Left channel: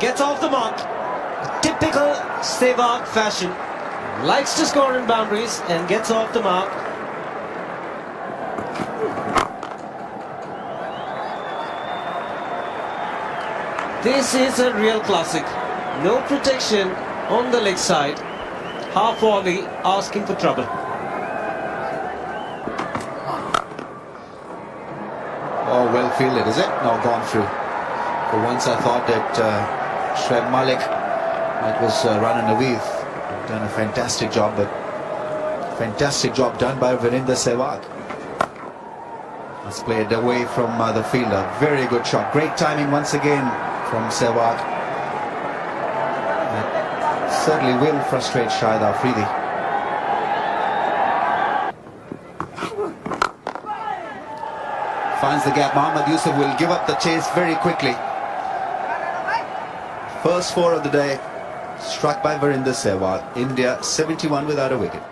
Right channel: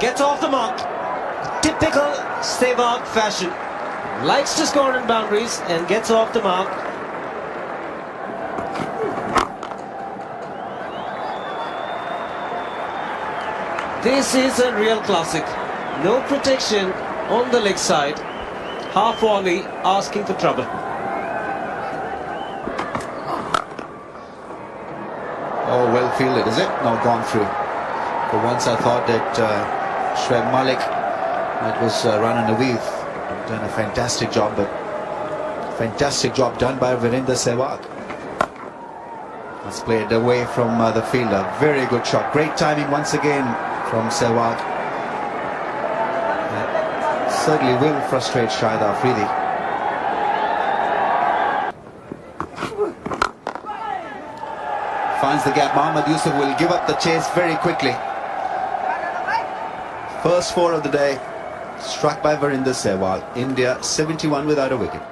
gets off the mark. Typical Sehwag fashion. Likes to score in boundaries and gets off the mark. This is a real classic. No protection on the leg side. Half volley asking for trouble. Oh, well fielded, is it? Now gone through. For once I thought that Shoaib Malik, it was running away. Done a fantastic job, but fantastic job done by Virender Sehwag. That's played away from the fielder. Very good shot. Great timing once again from Sehwag. That certainly will frustrate Shahid Afridi. Finds the gap. Mohammad Yusuf will give up the chase very quickly. First 4 of the day struck by Virender Sehwag. India 71 without a wicket.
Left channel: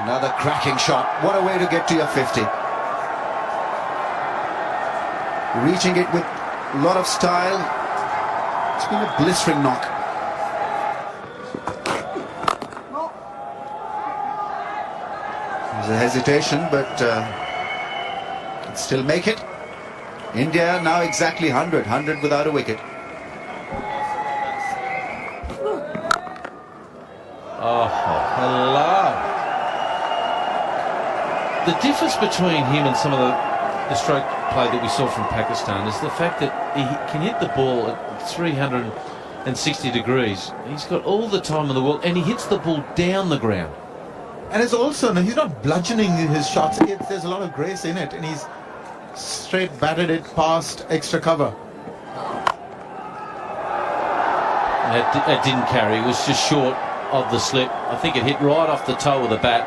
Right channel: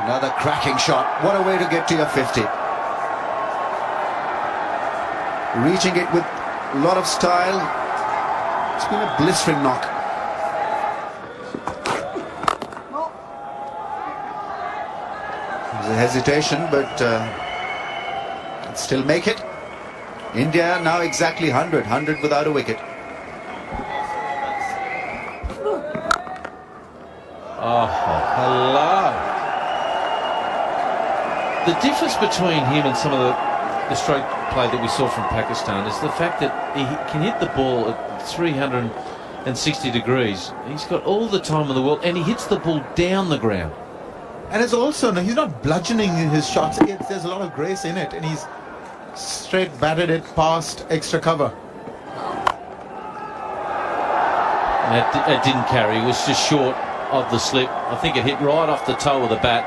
Another cracking shot. What a way to get to your 50. Reaching it with a lot of style. It's been a blistering knock. There's a hesitation, but can still make it. India now exactly 100 without a wicket. Oh, hello. The difference between him and some of the stroke play that we saw from Pakistan is the fact that he can hit the ball at 360 degrees. He's got all the time in the world, and he hits the ball down the ground. And it's also, he's not bludgeoning his shots. There's a lot of grace in it, and he's straight batted it past extra cover. It didn't carry. It was just short of the slip. I think it hit right off the toe of the bat.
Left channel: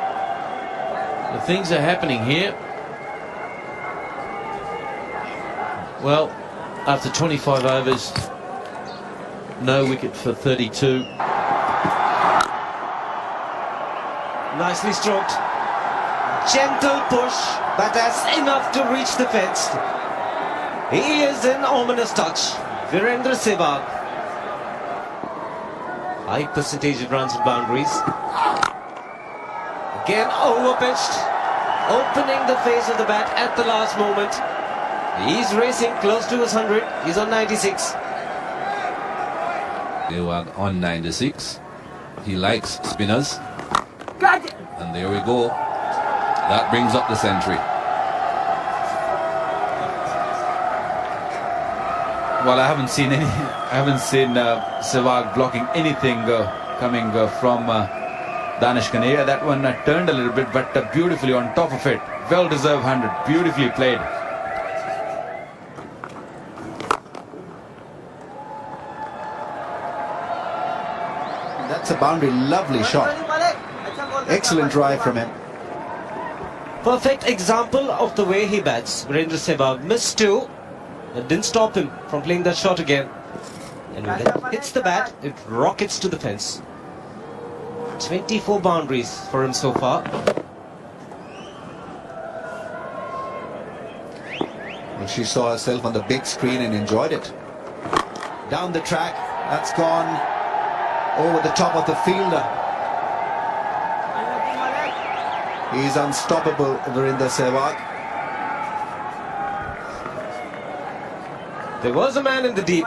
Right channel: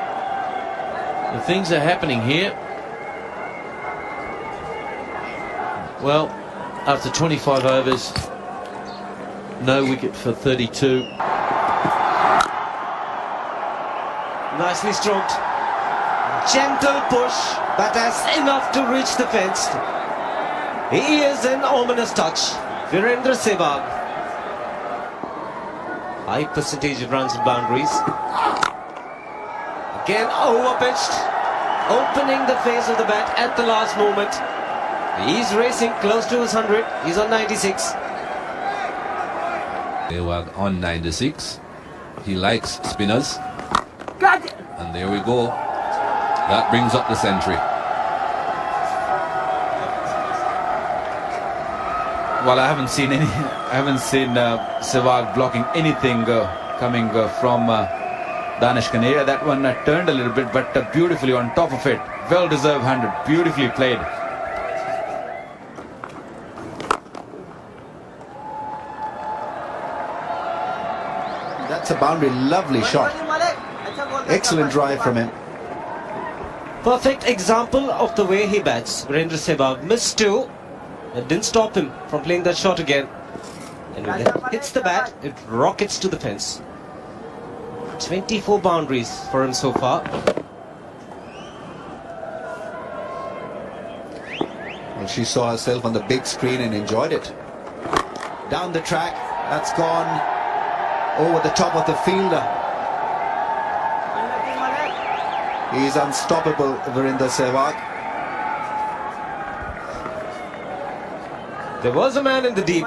The things are happening here. Well, after 25 overs, no wicket for 32. Nicely stroked. Gentle push, but that's enough to reach the fence. He is an ominous touch. Virender Sehwag. High percentage of runs and boundaries. Again overpitched. Opening the face of the bat at the last moment. He's racing close to his 100. He's on 96. Sehwag on 96. He likes spinners. And there we go. That brings up the century. Well, I haven't seen Sehwag blocking anything coming from Danish Kaneria. That one turned a little bit, but beautifully on top of it. Well deserved 100. Beautifully played. That's a boundary. Lovely shot. Excellent drive from him. Perfect example of the way he bats. Virender Sehwag missed 2. That didn't stop him from playing that shot again. And when it hits the bat, it rockets to the fence. 24 boundaries for him so far. Well, she saw herself on the big screen and enjoyed it. Down the track, that's gone over the top of the fielder. He's unstoppable, Virender Sehwag. There was a man in the deep.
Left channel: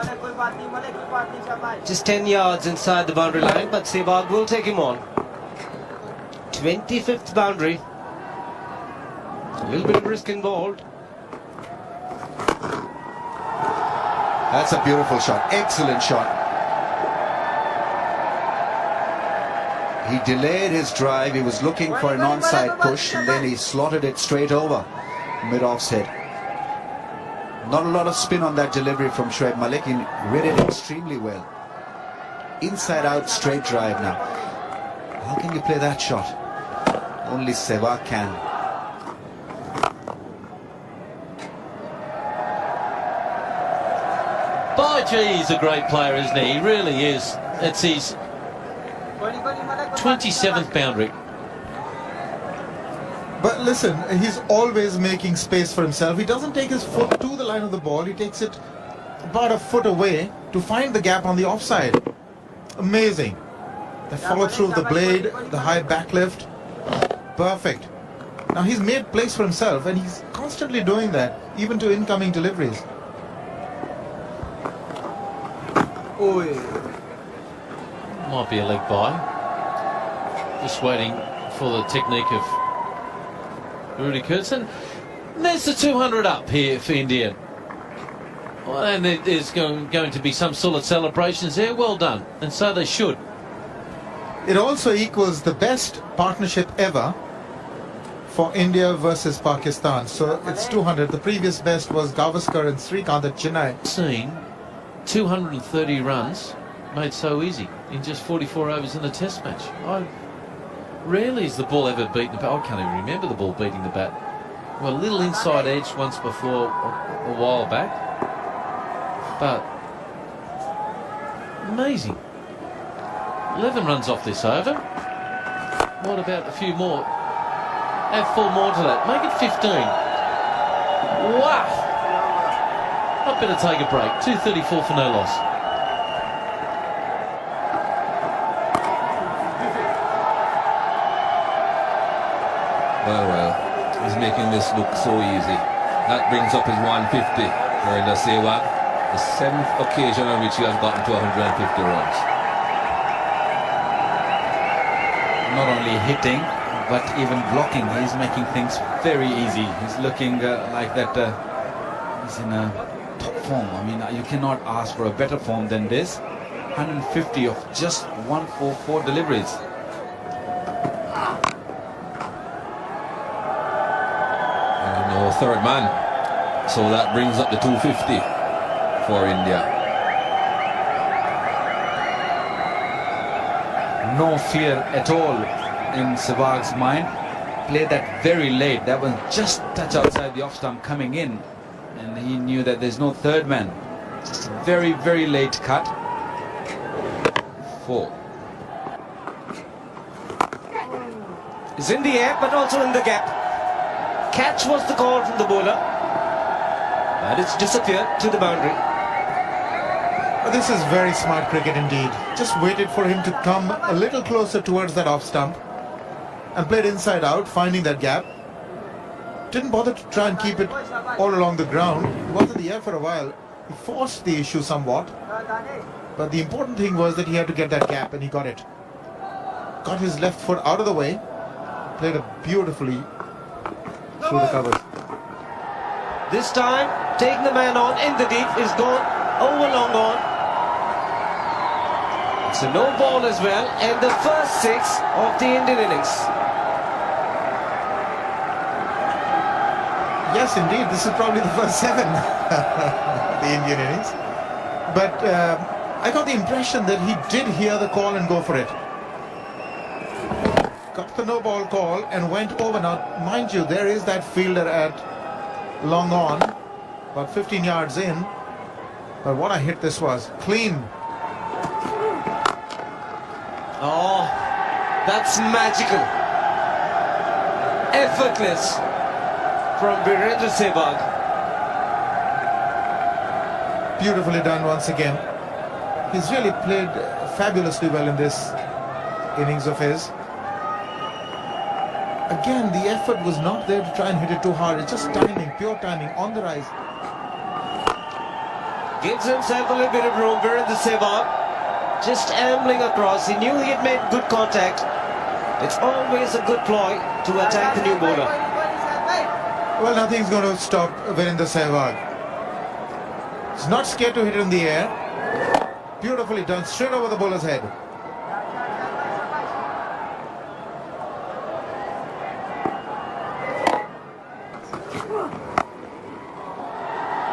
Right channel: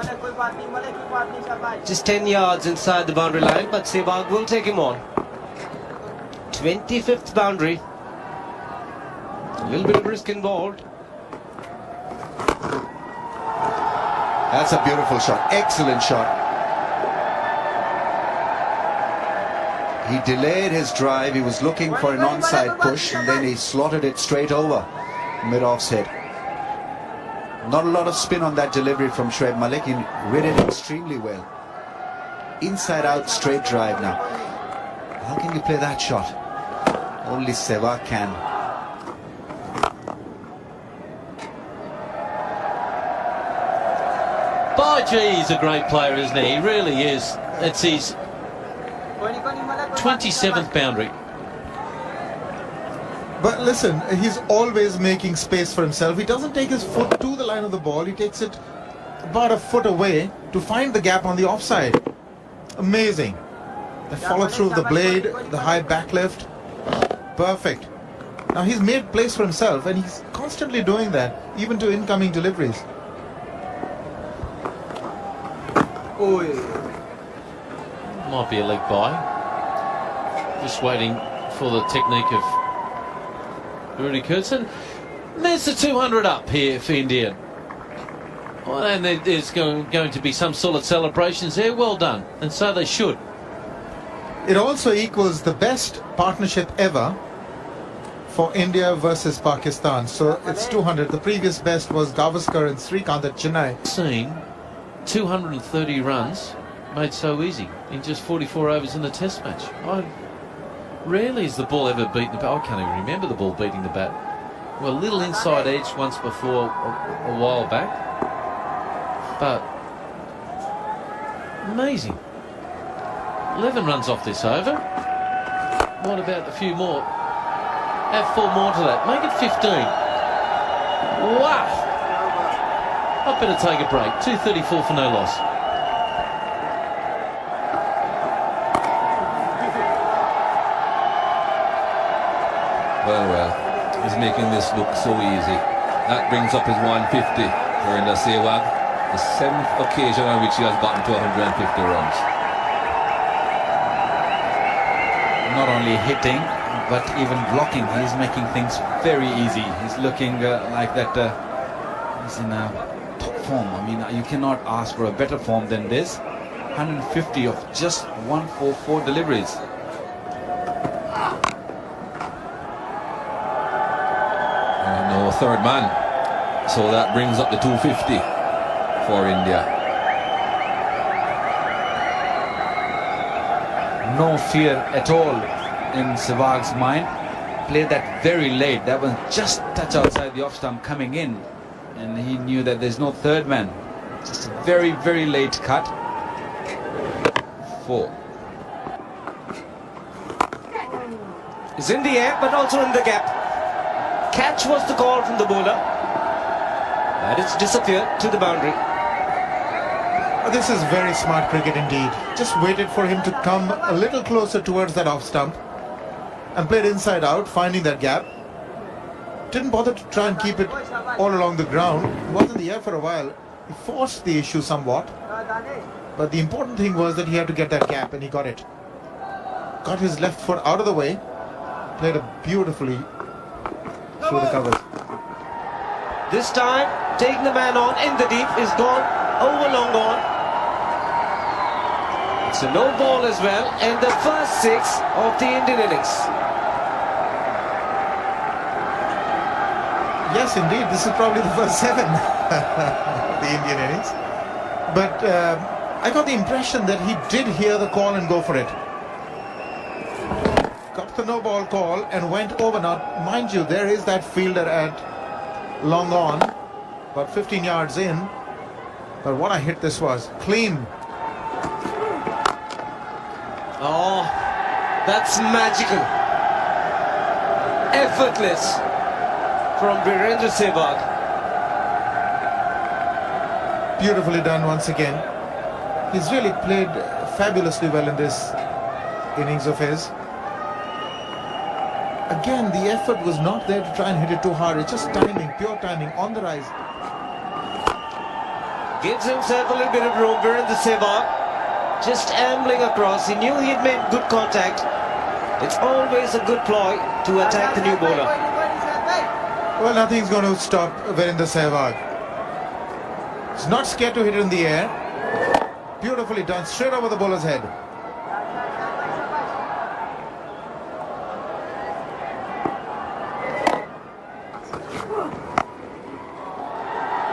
Just 10 yards inside the boundary line, but Sehwag will take him on. 25th boundary. A little bit of risk involved. That's a beautiful shot. Excellent shot. He delayed his drive. He was looking for an onside push, and then he slotted it straight over mid-off's head. Not a lot of spin on that delivery from Shoaib Malik. He read it extremely well. Inside out straight drive now. How can you play that shot? Only Sehwag can. By gee, he's a great player, isn't he? He really is. It's his 27th boundary. But listen, he's always making space for himself. He doesn't take his foot to the line of the ball. He takes it about a foot away to find the gap on the offside. Amazing. The follow through of the blade, the high backlift. Perfect. Now he's made place for himself, and he's constantly doing that, even to incoming deliveries. Might be a leg by. Just waiting for the technique of Rudy Kurtzen. There's the 200 up here for India. Well, and there's going to be some sort of celebrations there. Well done. And so they should. It also equals the best partnership ever for India versus Pakistan. So it's 200. The previous best was Gavaskar and Srikanth at Chennai. Seen 230 runs made so easy in just 44 overs in the test match. Rarely has the ball ever beaten the bat. I can't even remember the ball beating the bat. Well, a little inside edge once before a while back. But amazing. 11 runs off this over. What about a few more? Add 4 more to that. Make it 15. Wow. I better take a break. 234 for no loss. Well, he's making this look so easy. That brings up his 150 Virender Sehwag, the 7th occasion on which he has gotten to 150 runs. Not only hitting, but even blocking. He's making things very easy. He's looking like that he's in a top form. I mean, you cannot ask for a better form than this. 150 of just 144 deliveries. No third man, so that brings up the 250 for India. No fear at all in Sehwag's mind. Played that very late. That was just touch outside the off stump coming in, and he knew that there's no third man. Just a very, very late cut. 4. Is in the air, but also in the gap. Catch was the call from the bowler, and it's disappeared to the boundary. This is very smart cricket indeed. Just waited for him to come a little closer towards that off stump and played inside out, finding that gap. Didn't bother to try and keep it all along the ground. He was in the air for a while. He forced the issue somewhat, but the important thing was that he had to get that gap, and he got it. Got his left foot out of the way, played it beautifully through the covers. This time, taking the man on in the deep is gone, over long on. It's a no ball as well, and the first 6 of the Indian innings. Yes, indeed, this is probably the first 7 of the Indian innings. But I got the impression that he did hear the call and go for it. Got the no ball call and went over. Now, mind you, there is that fielder at long on, about 15 yards in. But what a hit this was. Clean. Oh, that's magical. Effortless from Virender Sehwag. Beautifully done once again. He's really played fabulously well in this innings of his. Again, the effort was not there to try and hit it too hard. It's just timing, pure timing, on the rise. Gives himself a little bit of room. Virender Sehwag just ambling across. He knew he had made good contact. It's always a good ploy to attack the new bowler. Well, nothing's going to stop Virender Sehwag. He's not scared to hit it in the air. Beautifully done, straight over the bowler's head.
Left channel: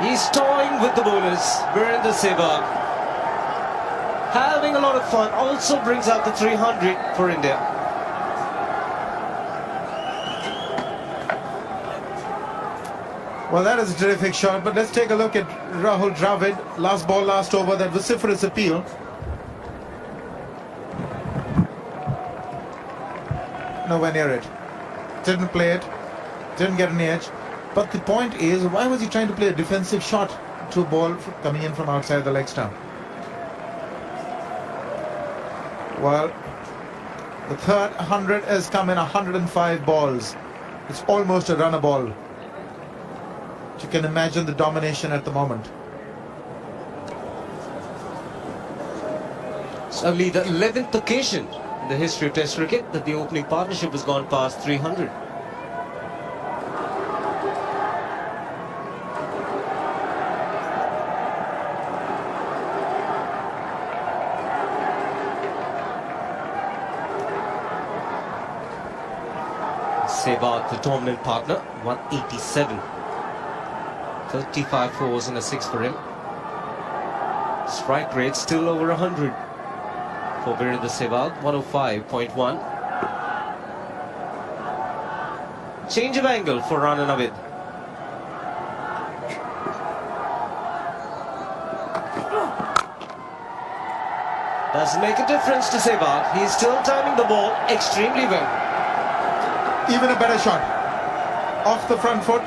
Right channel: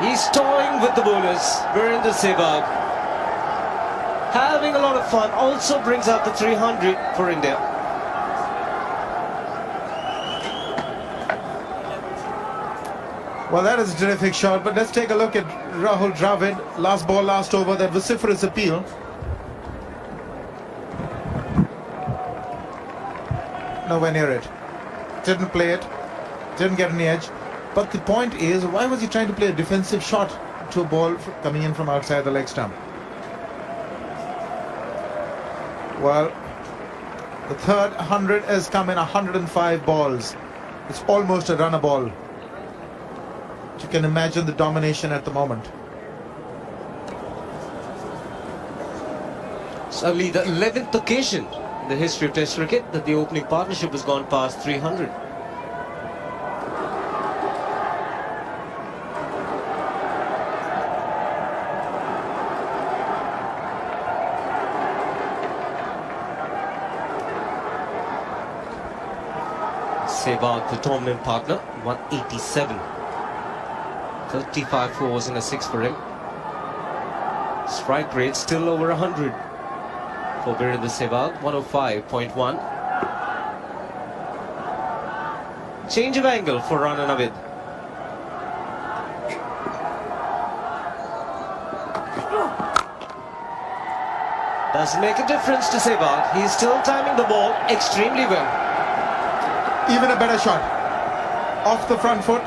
He's toying with the bowlers, Virender Sehwag. Having a lot of fun, also brings out the 300 for India. Well, that is a terrific shot, but let's take a look at Rahul Dravid. Last ball, last over, that vociferous appeal. Nowhere near it. Didn't play it, didn't get any edge. But the point is, why was he trying to play a defensive shot? to a ball coming in from outside the leg stump. Well, the third 100 has come in 105 balls. It's almost a runner ball. You can imagine the domination at the moment. It's only the 11th occasion in the history of Test cricket that the opening partnership has gone past 300. Sehwag, the dominant partner, 187. 35 fours and a 6 for him. Strike rate still over 100 for Virender Sehwag, 105.1. Change of angle for Rana Navid. Does make a difference to Sehwag. He's still timing the ball extremely well. Even a better shot. Off the front foot.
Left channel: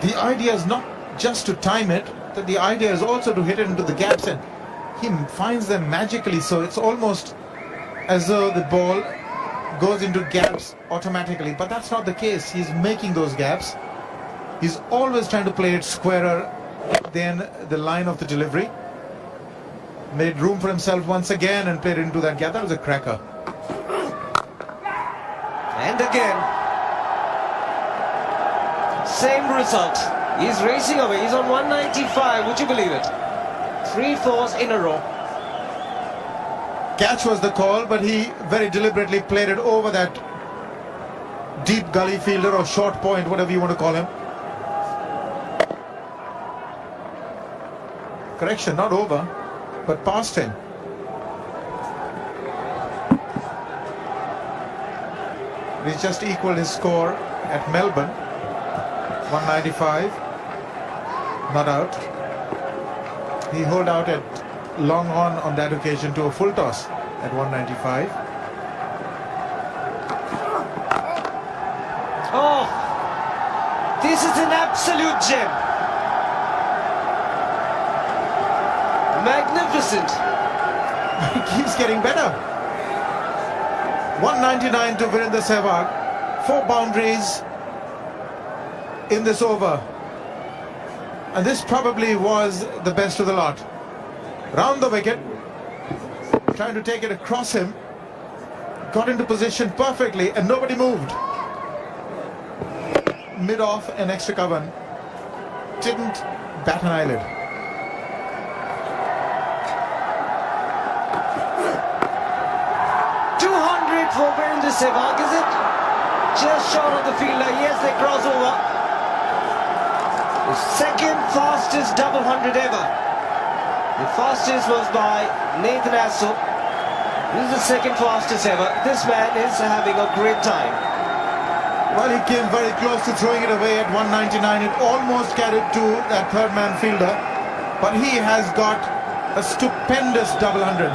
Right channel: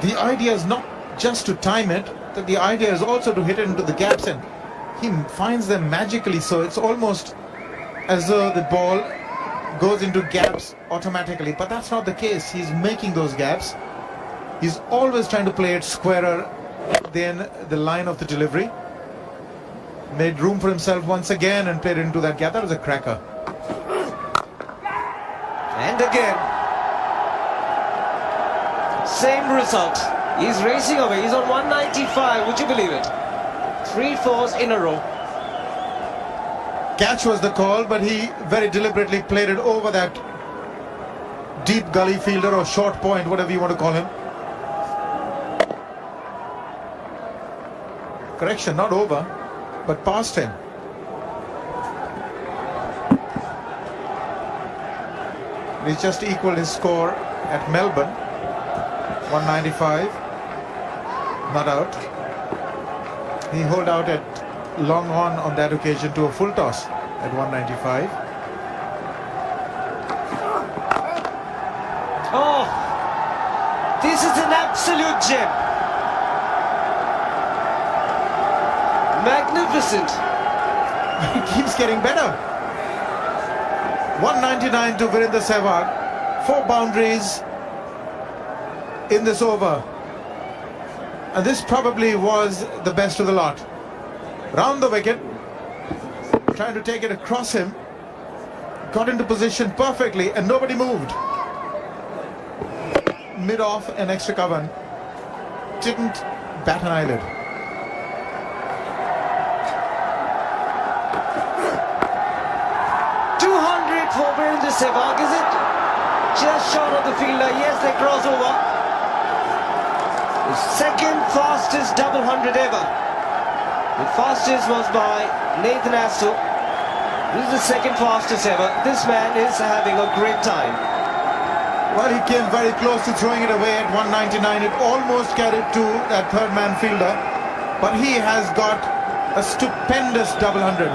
The idea is not just to time it, that the idea is also to hit it into the gaps, and he finds them magically, so it's almost as though the ball goes into gaps automatically, but that's not the case. He's making those gaps. He's always trying to play it squarer than the line of the delivery. Made room for himself once again and played into that gap. That was a cracker. And again, same result. He's racing away. He's on 195. Would you believe it? 3 fours in a row. Catch was the call, but he very deliberately played it over that deep gully fielder or short point, whatever you want to call him. Correction, not over, but past him. He's just equaled his score at Melbourne, 195, not out. He holed out at long on that occasion to a full toss at 195. Oh, this is an absolute gem. Magnificent. He keeps getting better. 199 to Virender Sehwag. 4 boundaries in this over. And this probably was the best of the lot. Round the wicket. Trying to take it across him. Got into position perfectly and nobody moved. Mid-off and extra cover. Didn't bat an eyelid. For Virender Sehwag, is it? Just short of the fielder. Yes, they cross over. The second fastest double 100 ever. The fastest was by Nathan Astle. This is the second fastest ever. This man is having a great time. Well, he came very close to throwing it away at 199. It almost carried to that third man fielder. But he has got a stupendous double 100.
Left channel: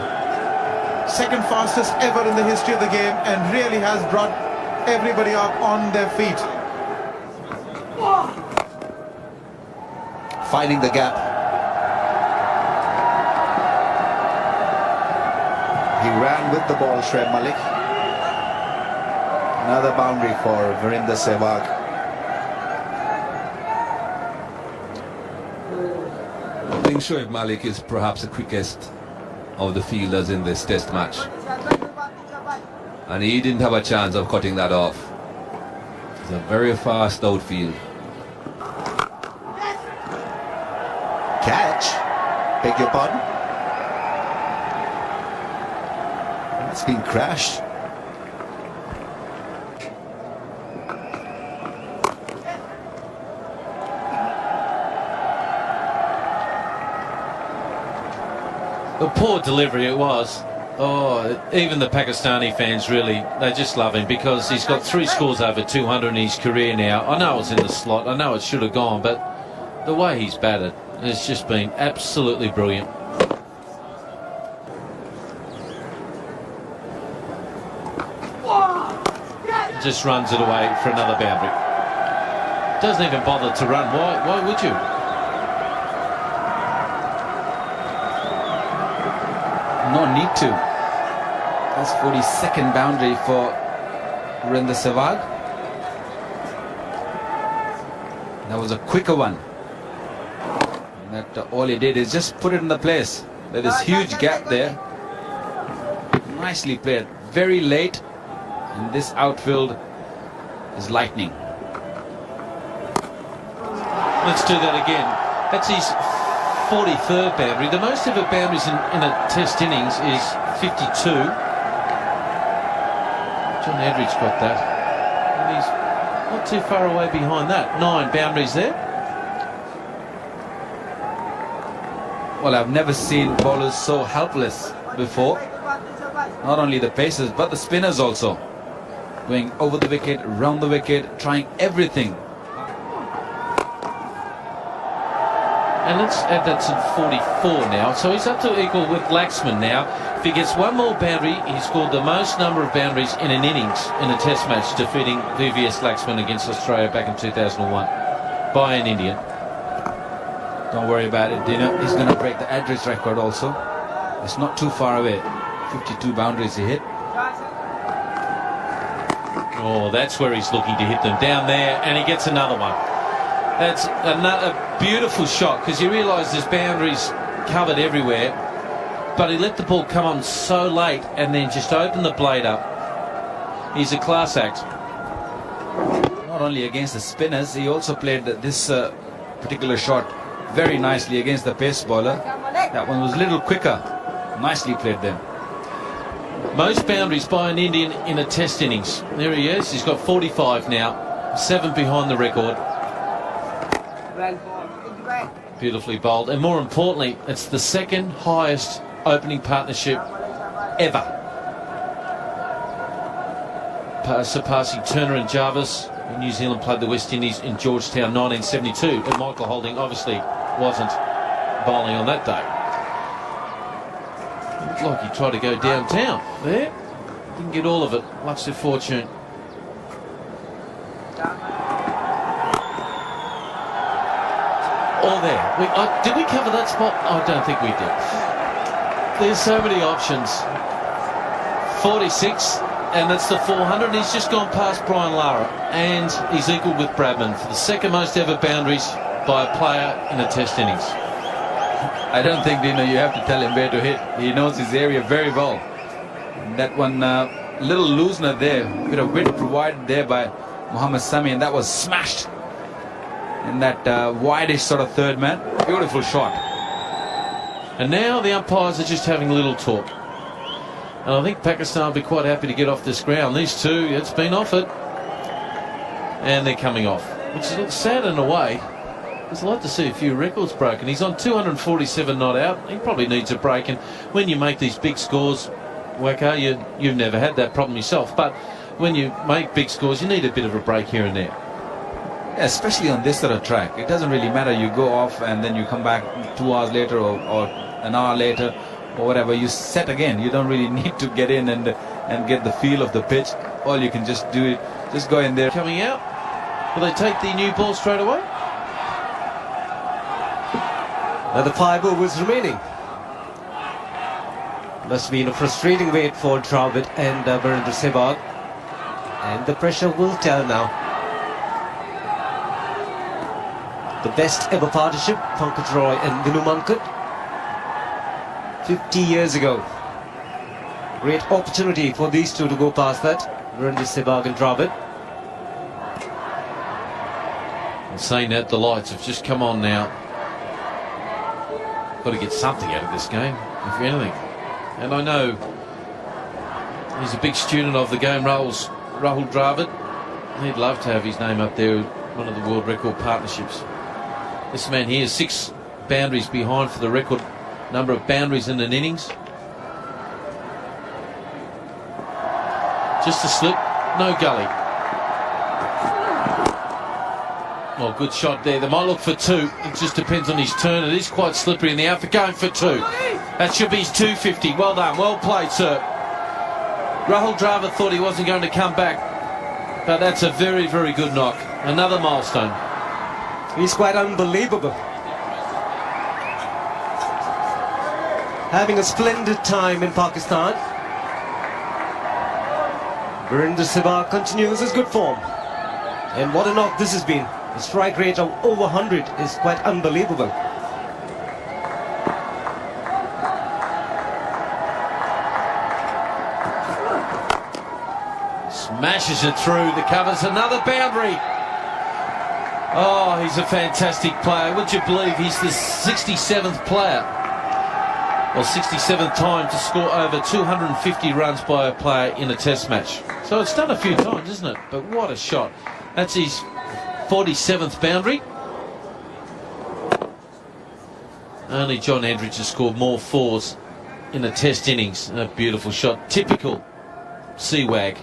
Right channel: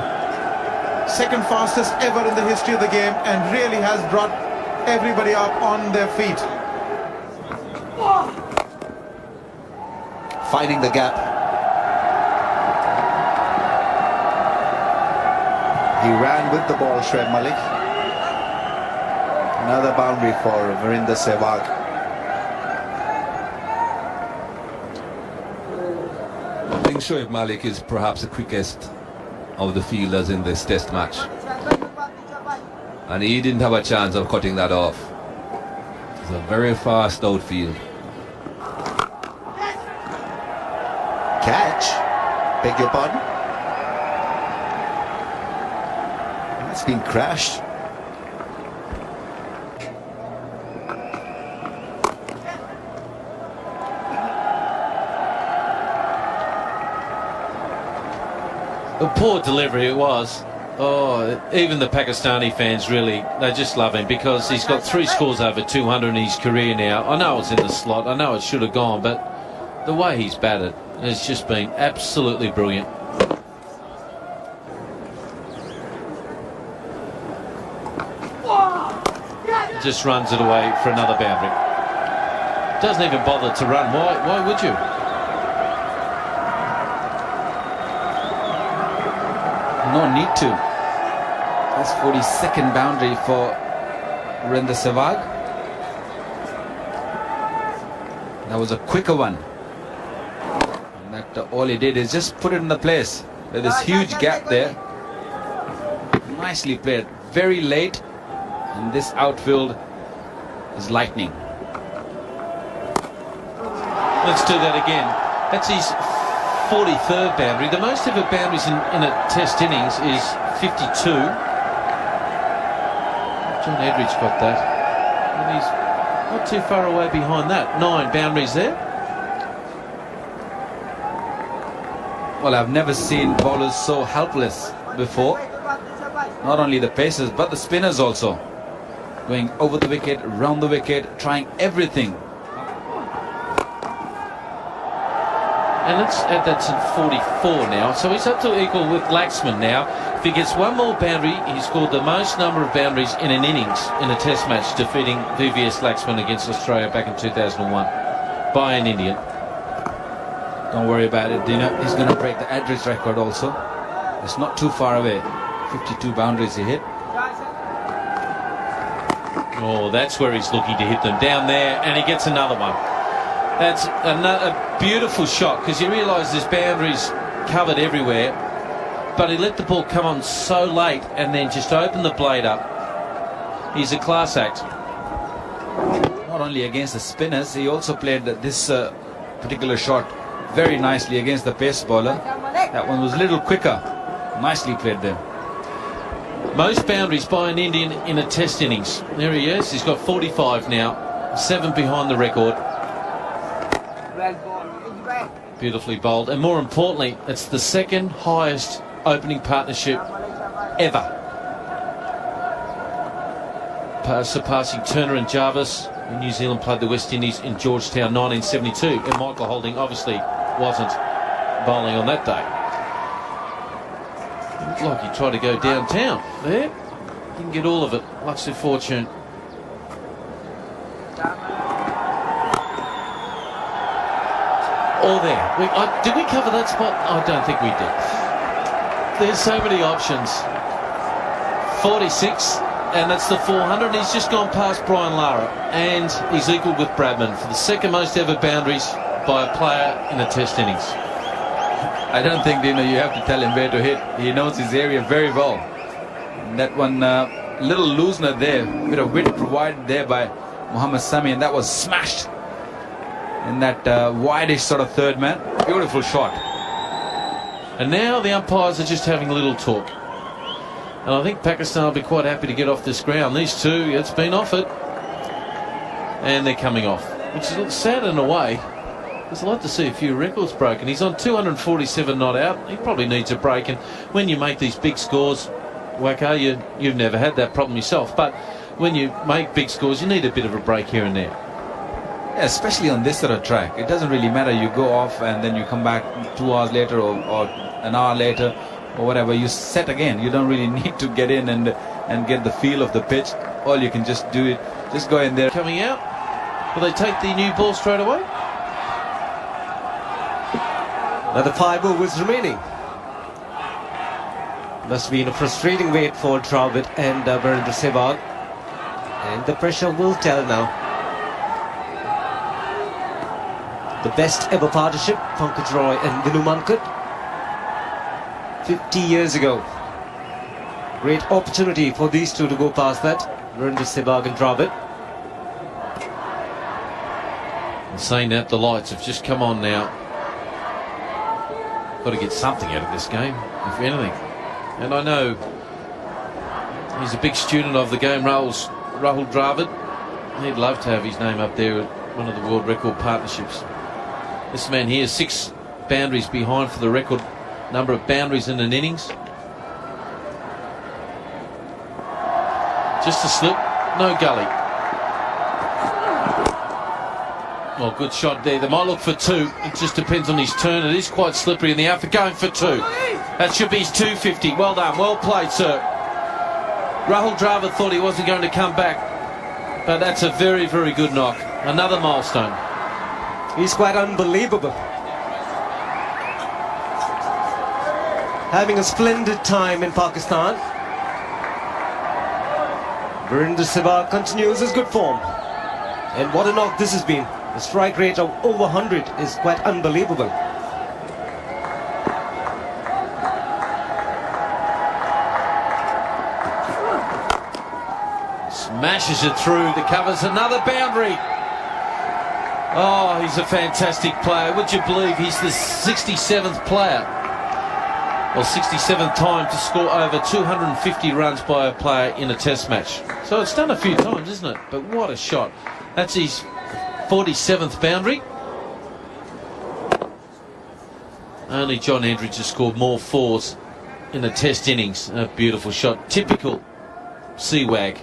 Second fastest ever in the history of the game, and really has brought everybody up on their feet. Finding the gap. He ran with the ball, Shoaib Malik. Another boundary for Virender Sehwag. I think Shoaib Malik is perhaps the quickest of the fielders in this test match, and he didn't have a chance of cutting that off. It's a very fast outfield. Catch? Beg your pardon? It's been crashed. A poor delivery it was. Oh, even the Pakistani fans really, they just love him because he's got 3 scores over 200 in his career now. I know it's in the slot, I know it should have gone, but the way he's batted has just been absolutely brilliant. Just runs it away for another boundary. doesn't even bother to run. Why would you? No need to. That's 42nd boundary for Virender Sehwag. That was a quicker one. And that all he did is just put it in the place. There's this huge gap there. Nicely played. Very late. And this outfield is lightning. Let's do that again. That's his 43rd boundary. The most ever boundaries in a test innings is 52. John Edridge got that. And he's not too far away behind that. 9 boundaries there. Well, I've never seen bowlers so helpless before. Not only the pacers, but the spinners also. Going over the wicket, round the wicket, trying everything. And let's add that to 44 now. So he's up to equal with Laxman now. If he gets one more boundary, he's scored the most number of boundaries in an innings in a test match, defeating VVS Laxman against Australia back in 2001 by an Indian. Don't worry about it, Dino. He's going to break the Edridge record also. It's not too far away. 52 boundaries he hit. Oh, that's where he's looking to hit them. Down there, and he gets another one. That's a beautiful shot, because you realise there's boundaries covered everywhere, but he let the ball come on so late and then just opened the blade up. He's a class act. Not only against the spinners, he also played this particular shot very nicely against the pace bowler. That one was a little quicker. Nicely played there. Most boundaries by an Indian in a test innings. There he is. He's got 45 now. 7 behind the record. Beautifully bowled. And more importantly, it's the second highest opening partnership ever. Surpassing Turner and Jarvis when New Zealand played the West Indies in Georgetown 1972. And Michael Holding obviously wasn't bowling on that day. Looked like he tried to go downtown there. Didn't get all of it. Much to fortune. All there. Did we cover that spot? I don't think we did. There's so many options. 46, and that's the 400. He's just gone past Brian Lara, and he's equal with Bradman for the second most ever boundaries by a player in a test innings. I don't think, you have to tell him where to hit. He knows his area very well. And that one little loosener there, bit of width provided there by Mohammad Sami, and that was smashed in that wideish sort of third man. Beautiful shot. And now the umpires are just having a little talk. And I think Pakistan will be quite happy to get off this ground. These two, it's been offered. And they're coming off. Which is sad in a way. I'd like to see a few records broken. He's on 247 not out. He probably needs a break. And when you make these big scores, Waka, you've never had that problem yourself. But when you make big scores, you need a bit of a break here and there. Yeah, especially on this sort of track. It doesn't really matter. You go off and then you come back 2 hours later or an hour later or whatever. You set again. You don't really need to get in and get the feel of the pitch. All you can just do it. Just go in there. Coming out. Will they take the new ball straight away? Another 5 overs remaining. Must be in a frustrating wait for Dravid and Virender Sehwag. And the pressure will tell now. The best ever partnership, Pankaj Roy and Vinu Mankad. 50 years ago. Great opportunity for these two to go past that. Virender Sehwag and Dravid. And saying that, the lights have just come on now. Got to get something out of this game, if anything. And I know he's a big student of the game, Rahul Dravid. He'd love to have his name up there with one of the world record partnerships. This man here is 6 boundaries behind for the record number of boundaries in an innings. Just a slip, no gully. Well, good shot there. They might look for 2. It just depends on his turn. It is quite slippery in the outfield. Going for 2. That should be his 250. Well done. Well played, sir. Rahul Dravid thought he wasn't going to come back. But that's a very, very good knock. Another milestone. He's quite unbelievable. Having a splendid time in Pakistan. Virender Sehwag continues his good form. And what a knock this has been. The strike rate of over 100 is quite unbelievable. Smashes it through the covers. Another boundary. Oh, he's a fantastic player. Would you believe he's the 67th player, or 67th time to score over 250 runs by a player in a test match. So it's done a few times, isn't it? But what a shot. That's his 47th boundary. Only John Andridge has scored more fours in a test innings. A beautiful shot. Typical Sehwag.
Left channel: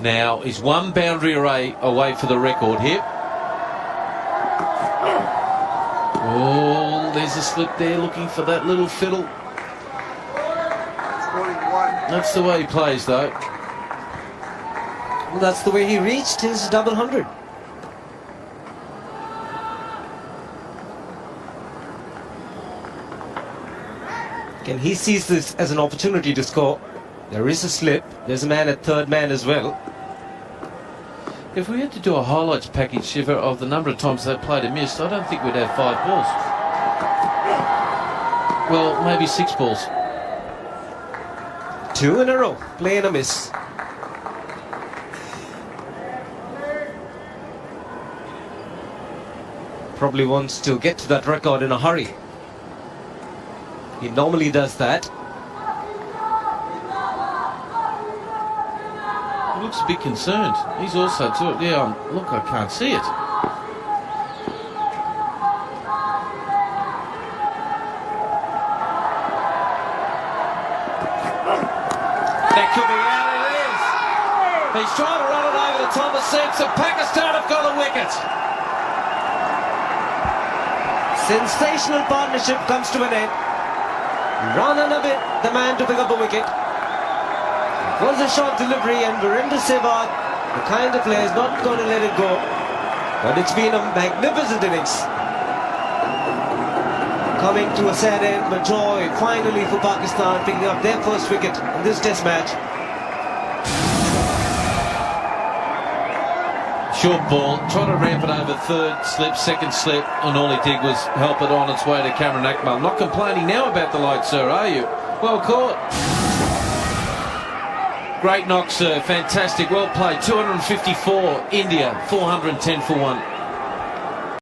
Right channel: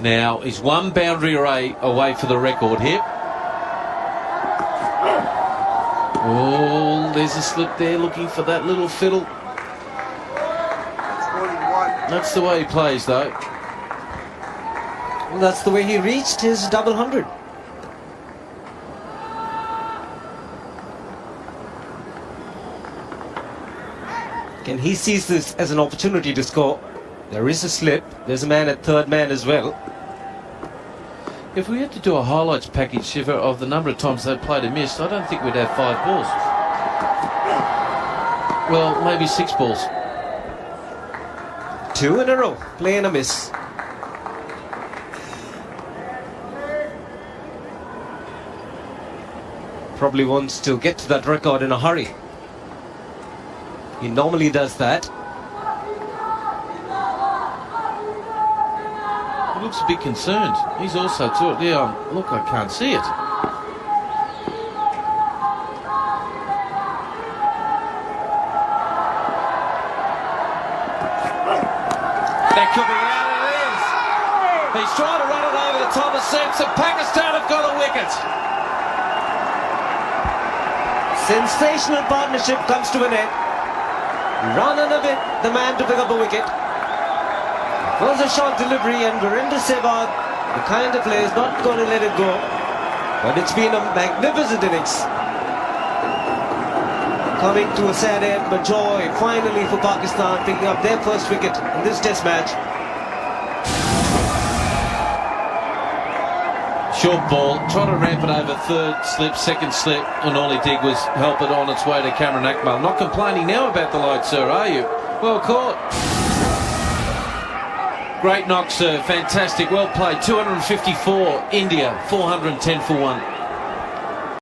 Now he's one boundary away for the record here. Oh, there's a slip there, looking for that little fiddle. That's the way he plays, though. Well, that's the way he reached his double 100. Can he sees this as an opportunity to score? There is a slip. There's a man at third man as well. If we had to do a highlights package, Shiver, of the number of times they played and missed, I don't think we'd have 5 balls. Well, maybe 6 balls. 2 in a row. Play and a miss. Probably wants to get to that record in a hurry. He normally does that. He looks a bit concerned. He's also too. Yeah, look, I can't see it. That could be out. It is. He's trying to run it over the top of six, and Pakistan have got a wicket. Sensational partnership comes to an end. Run and a bit, the man to pick up a wicket. It was a short delivery, and Virender Sehwag, the kind of player, is not going to let it go. But it's been a magnificent innings. Coming to a sad end, but joy finally for Pakistan picking up their first wicket in this test match. Short ball, trying to ramp it over third slip, second slip, and all he did was help it on its way to Cameron Akmal. Not complaining now about the light, sir, are you? Well caught. Great knock, sir. Fantastic. Well played. 254. India, 410 for 1.